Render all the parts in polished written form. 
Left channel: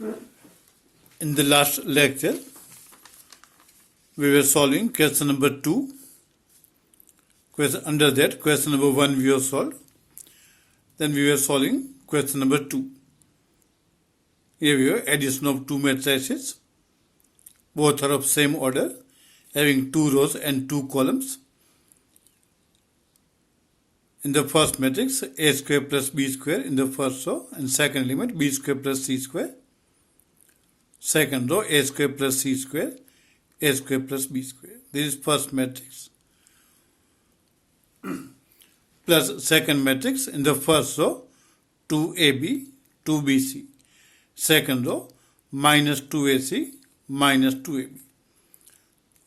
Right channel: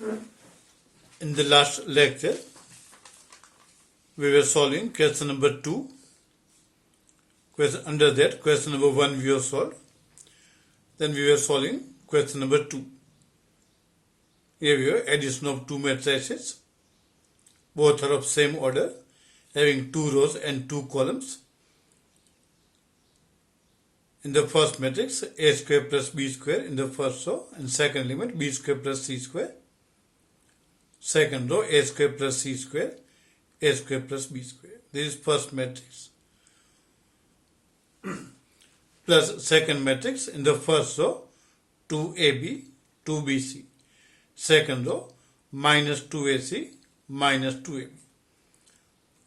In the last lecture, we were solving question number 2. Under that, question number 1 we have solved. Then we were solving question number 2. Here we have addition of two matrices. Both are of same order, having 2 rows and 2 columns. In the first matrix, a square plus b square in the first row, and second element b square plus c square. Second row, a square plus c square, a square plus b square. This is first matrix. Plus second matrix in the first row, 2ab, 2bc. Second row, minus 2ac, minus 2ab.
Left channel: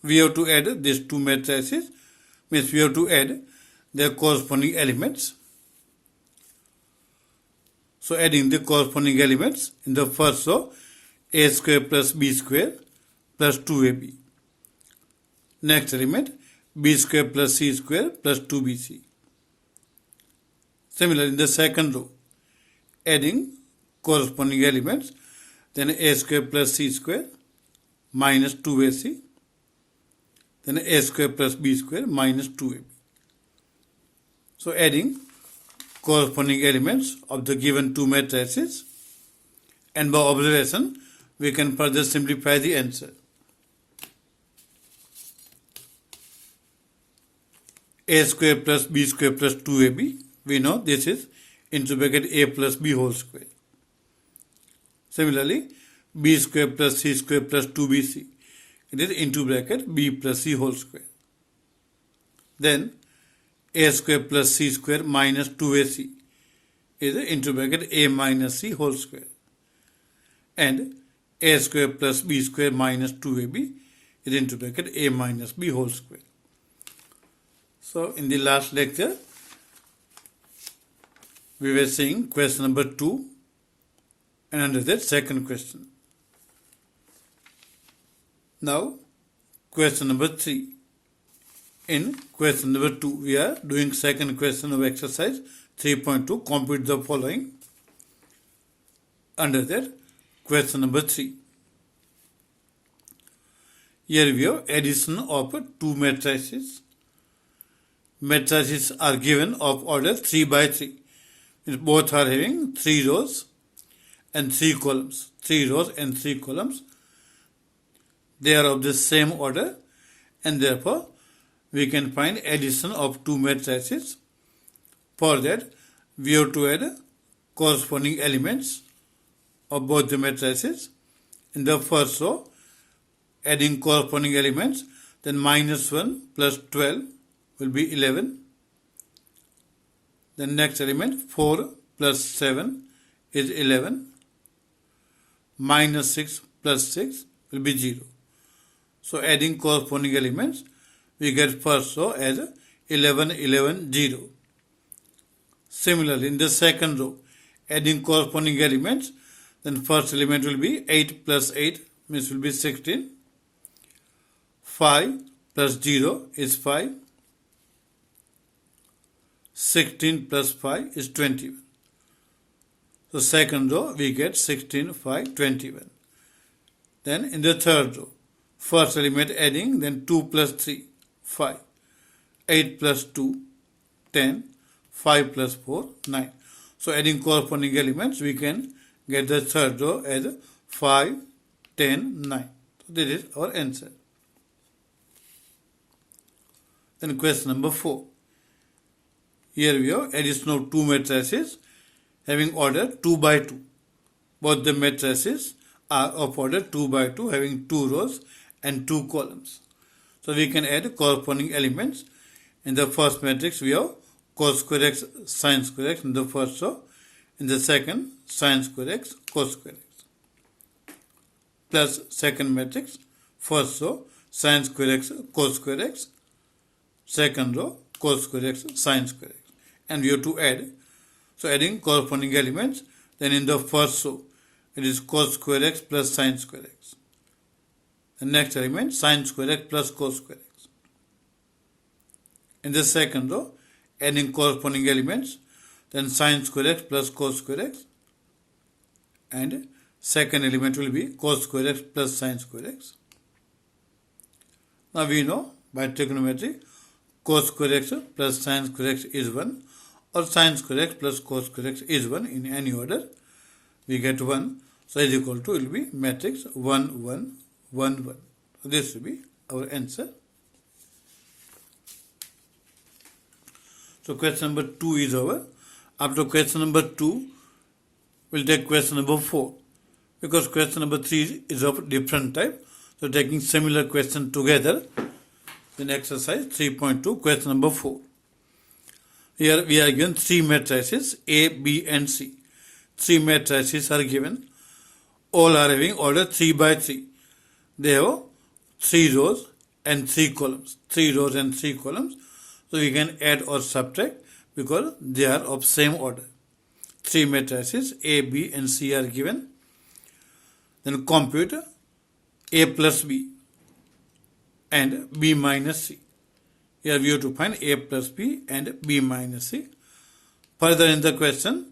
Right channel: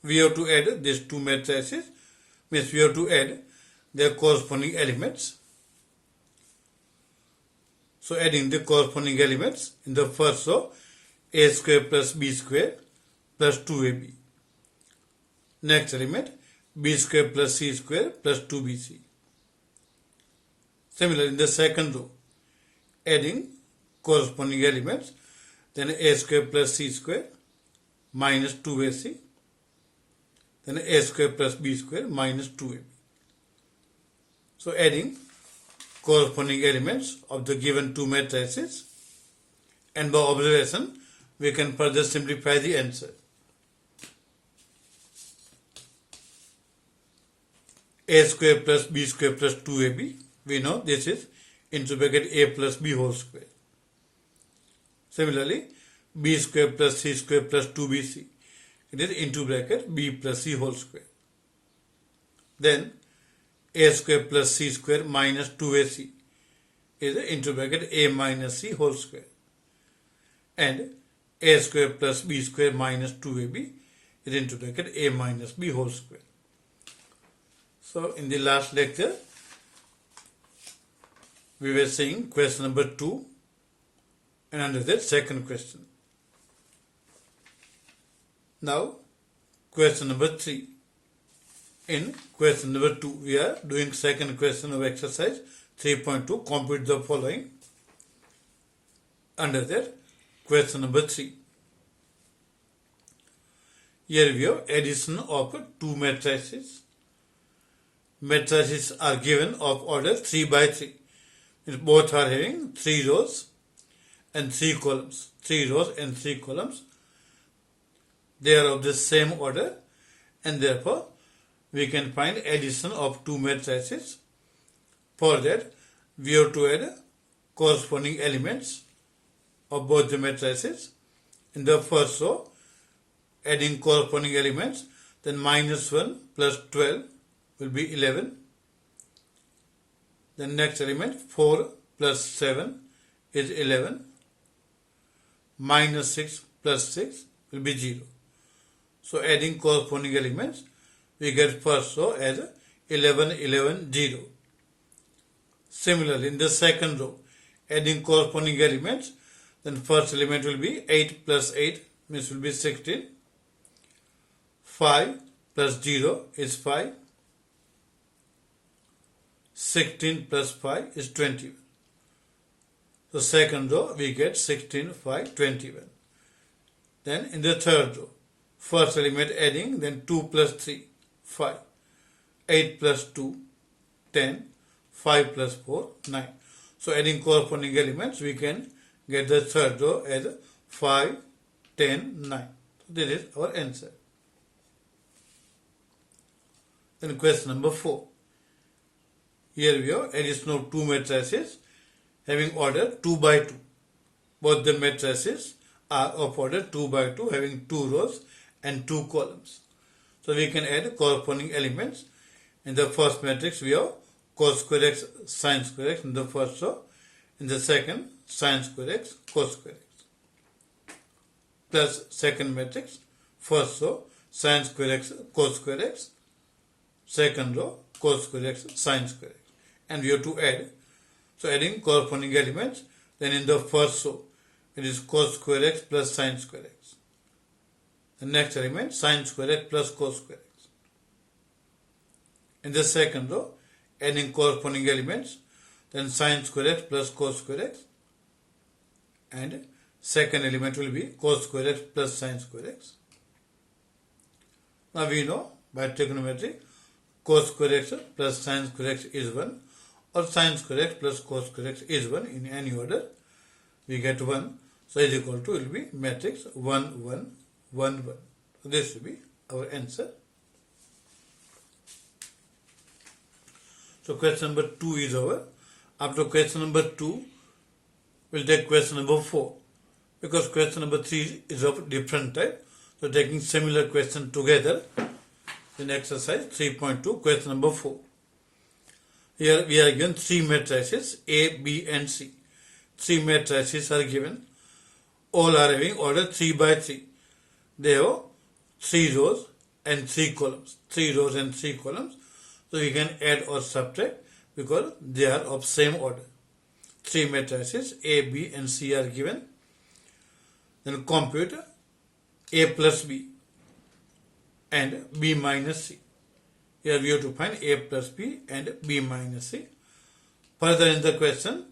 We have to add these two matrices, means we have to add their corresponding elements. So adding the corresponding elements in the first row, a square plus b square plus 2ab. Next element, b square plus c square plus 2bc. Similarly, in the second row, adding corresponding elements, then a square plus c square minus 2ac, then a square plus b square minus 2ab. So adding corresponding elements of the given two matrices, and by observation we can further simplify the answer. A square plus b square plus 2ab, we know this is into bracket a plus b whole square. Similarly, b square plus c square plus 2bc, it is into bracket b plus c whole square. Then a square plus c square minus 2ac is into bracket a minus c whole square. And a square plus b square minus 2ab is into bracket a minus b whole square. So in the last lecture, we were seeing question number 2, and under that second question. Now question number 3. In question number 2, we are doing second question of exercise 3.2, complete the following. Under that, question number 3. Here we have addition of two matrices. Matrices are given of order 3 by 3. Both are having 3 rows and 3 columns. 3 rows and 3 columns. They are of the same order, and therefore we can find addition of two matrices. For that, we have to add corresponding elements of both the matrices. In the first row, adding corresponding elements, then minus 1 plus 12 will be 11. The next element, 4 plus 7 is 11. Minus 6 plus 6 will be 0. So adding corresponding elements, we get first row as 11, 11, 0. Similarly, in the second row, adding corresponding elements, then first element will be 8 plus 8, means will be 16. 5 plus 0 is 5. 16 plus 5 is 21. So second row, we get 16, 5, 21. Then in the third row, first element adding, then 2 plus 3, 5. 8 plus 2, 10. 5 plus 4, 9. So adding corresponding elements, we can get the third row as 5, 10, 9. So this is our answer. Then question number 4. Here we have addition of two matrices having order 2 by 2. Both the matrices are of order 2 by 2, having 2 rows and 2 columns. So we can add corresponding elements. In the first matrix, we have cos square x, sin square x in the first row. In the second, sin square x, cos square x. Plus second matrix, first row, sin square x, cos square x. Second row, cos square x, sin square x. And we have to add. So adding corresponding elements, then in the first row, it is cos square x plus sin square x. The next element, sin square x plus cos square x. In the second row, adding corresponding elements, then sin square x plus cos square x, and second element will be cos square x plus sin square x. Now we know by trigonometry cos square x plus sin square x is 1 or sin square x plus cos square x is 1 in any order. We get 1. So is equal to will be matrix 1 1 1 1. So this will be our answer. So question number 2 is over. After question number 2, we'll take question number 4. Because question number 3 is of different type. So taking similar question together. In exercise 3.2, question number 4. Here we are given 3 matrices A, B and C. 3 matrices are given. All are having order 3 by 3. They have 3 rows and 3 columns. 3 rows and 3 columns. So we can add or subtract because they are of same order. 3 matrices A, B and C are given. Then compute A plus B and B minus C. Here we have to find A plus B and B minus C. Further in the question,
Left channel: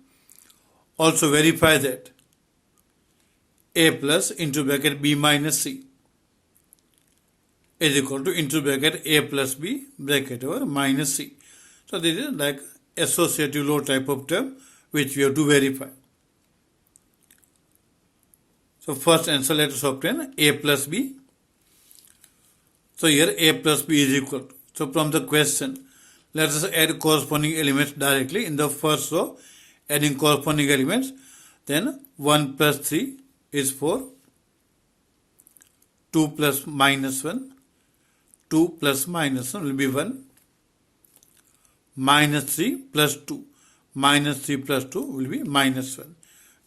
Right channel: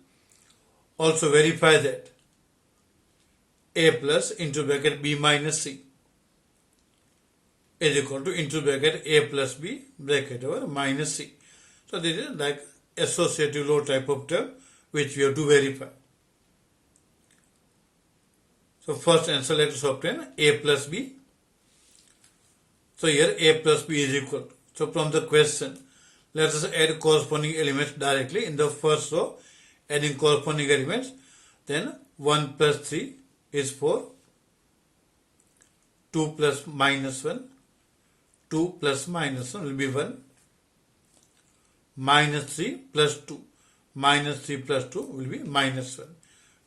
also verify that A plus into bracket B minus C is equal to into bracket A plus B bracket over minus C. So this is like associative law type of term which we have to verify. So first answer, let us obtain A plus B. So here A plus B is equal. So from the question, let us add corresponding elements directly in the first row, adding corresponding elements. Then 1 plus 3 is 4. 2 plus minus 1. 2 plus minus 1 will be 1. Minus 3 plus 2. Minus 3 plus 2 will be minus 1.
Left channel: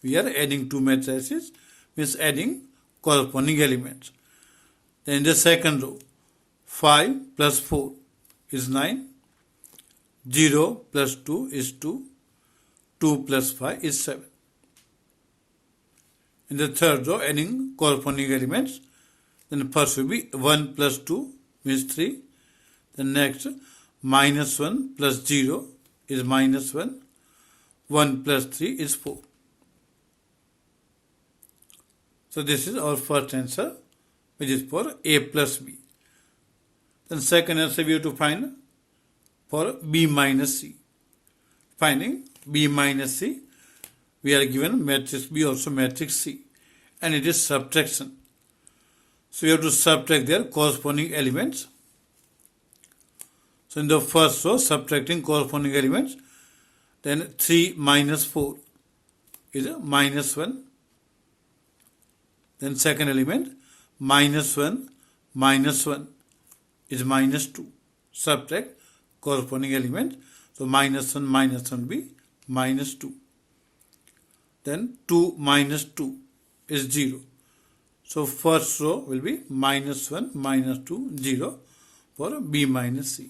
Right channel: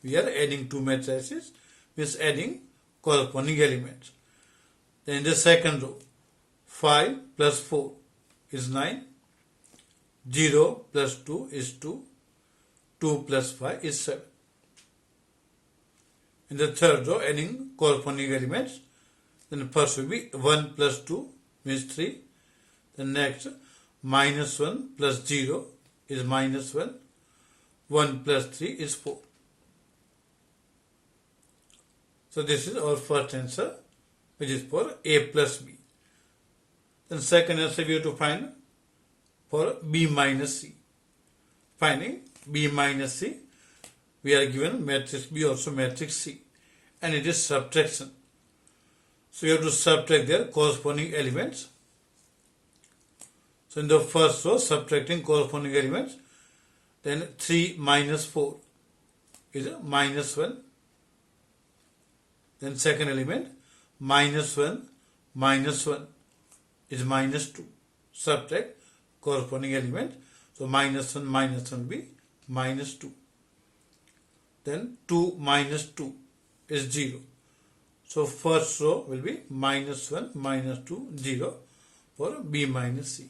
We are adding 2 matrices, means adding corresponding elements. Then in the second row, 5 plus 4 is 9. 0 plus 2 is 2. 2 plus 5 is 7. In the third row, adding corresponding elements. Then first will be 1 plus 2 means 3. The next, minus 1 plus 0 is minus 1. 1 plus 3 is 4. So this is our first answer, which is for A plus B. Then second answer we have to find for B minus C. Finding B minus C, we are given matrix B also matrix C, and it is subtraction. So we have to subtract their corresponding elements. So in the first row, subtracting corresponding elements, then 3 minus 4 is a minus 1. Then second element, minus 1 minus 1 is minus 2. Subtract corresponding element. So minus 1 will be minus 2. Then 2 minus 2 is 0. So first row will be minus 1 minus 2 0 for B minus C.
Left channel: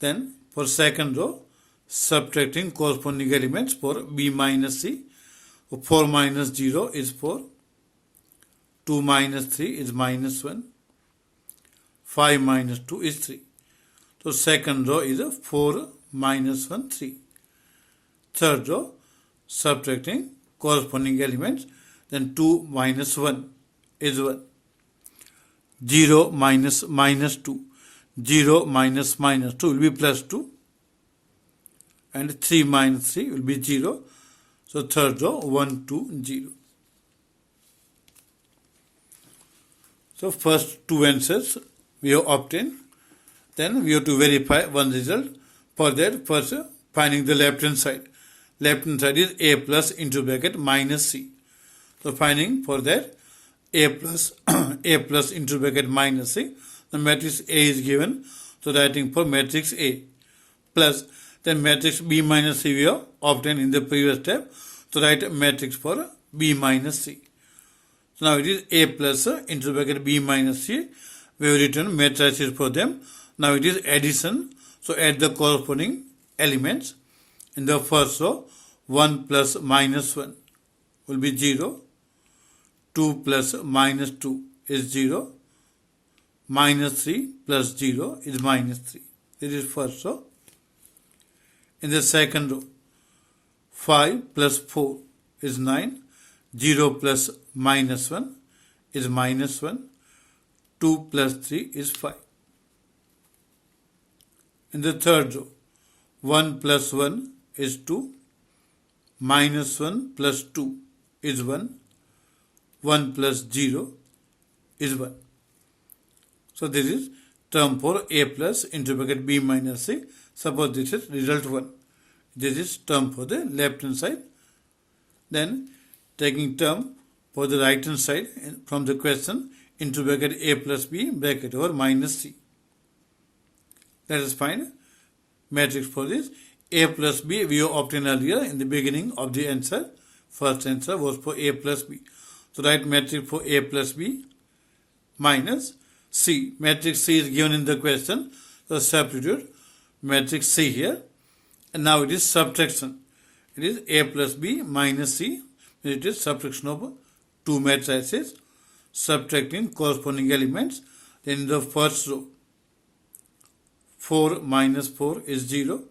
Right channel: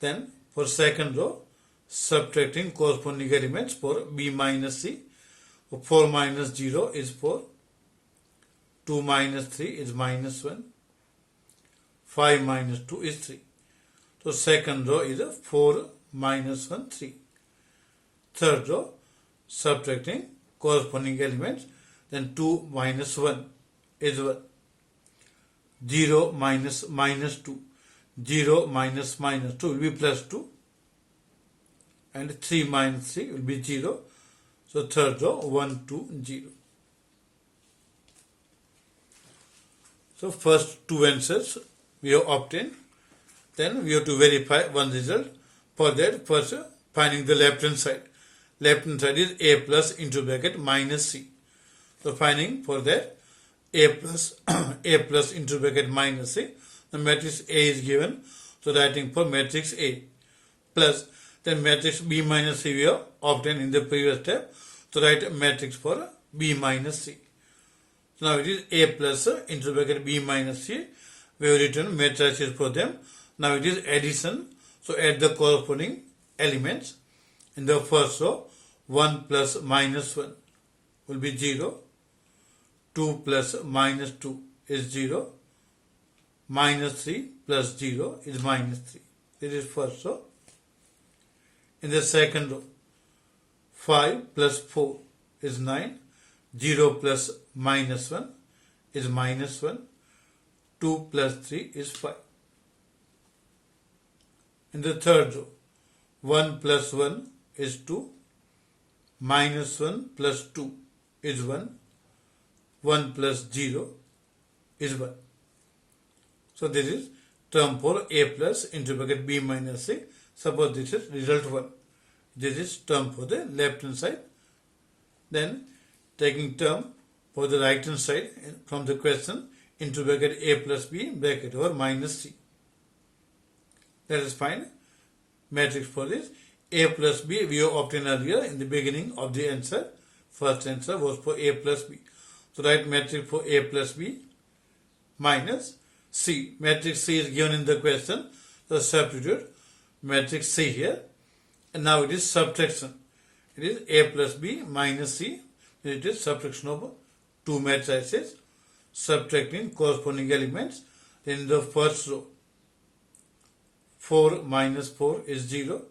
Then for second row, subtracting corresponding elements for B minus C. 4 minus 0 is 4. 2 minus 3 is minus 1. 5 minus 2 is 3. So second row is a 4 minus 1, 3. Third row, subtracting corresponding elements. Then 2 minus 1 is 1. 0 minus minus 2. 0 minus minus 2 will be plus 2. And 3 minus 3 will be 0. So third row, 1, 2, 0. So first two answers we have obtained. Then we have to verify one result. For that, first finding the left hand side. Left hand side is A plus into bracket minus C. So finding for that A plus A plus into bracket minus C. The matrix A is given. So writing for matrix A plus then matrix B minus C we have obtained in the previous step. So write matrix for B minus C. So now it is A plus into bracket B minus C. We have written matrices for them. Now it is addition. So add the corresponding elements. In the first row, 1 plus minus 1 will be 0. 2 plus minus 2 is 0. Minus 3 plus 0 is minus 3. This is first row. In the second row, 5 plus 4 is 9. 0 plus minus 1 is minus 1. 2 plus 3 is 5. In the third row, 1 plus 1 is 2. Minus 1 plus 2 is 1. 1 plus 0 is 1. So this is term for a plus into bracket b minus c. Suppose this is result 1. This is term for the left hand side. Then taking term for the right hand side from the question into bracket a plus b bracket over minus c. Let us find matrix for this. A plus b we have obtained earlier in the beginning of the answer. First answer was for a plus b. So write matrix for a plus b minus c. Matrix c is given in the question. So substitute matrix c here. And now it is subtraction. It is a plus b minus c. It is subtraction of two matrices. Subtracting corresponding elements. In the first row, 4 minus 4 is 0.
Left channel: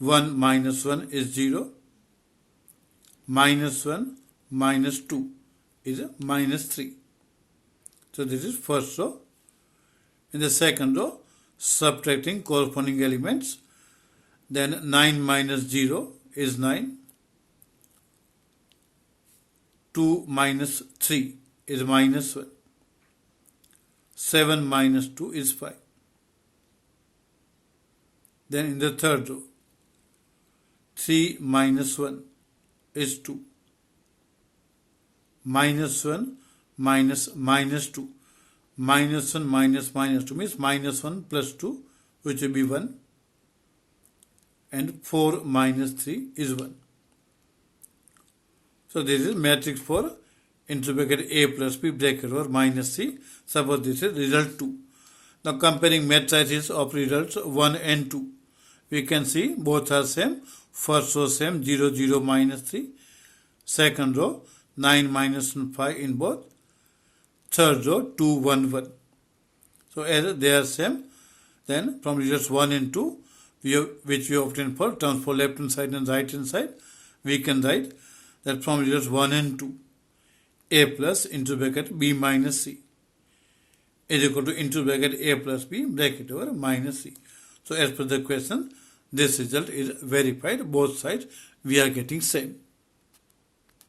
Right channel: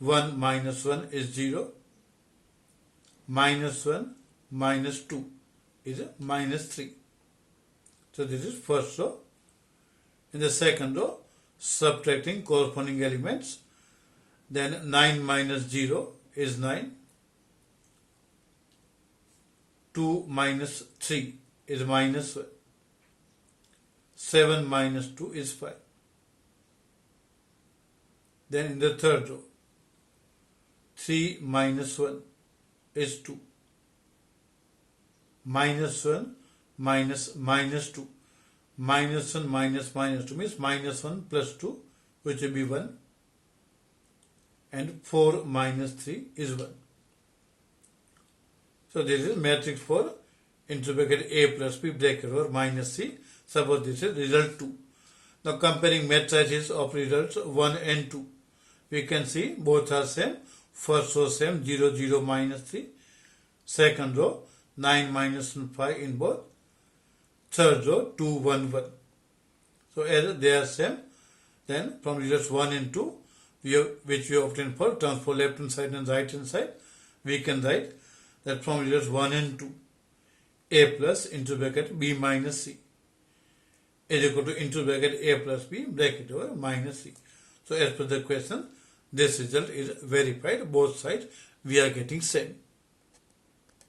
1 minus 1 is 0. Minus 1 minus 2 is minus 3. So this is first row. In the second row, subtracting corresponding elements. Then 9 minus 0 is 9. 2 minus 3 is minus 1. 7 minus 2 is 5. Then in the third row, 3 minus 1 is 2. Minus 1 minus minus 2. Minus 1 minus minus 2 means minus 1 plus 2, which will be 1. And 4 minus 3 is 1. So this is matrix for into bracket a plus b bracket over minus c. Suppose this is result 2. Now comparing matrices of results 1 and 2. We can see both are same. First row same 0 0 minus 3. Second row 9 minus 5 in both. Third row 2 1 1. So as they are same, then from results 1 and 2 which we obtained for terms for left hand side and right hand side, we can write that from results 1 and 2, a plus into bracket b minus c is equal to into bracket a plus b bracket over minus c. So as per the question, this result is verified. Both sides we are getting same.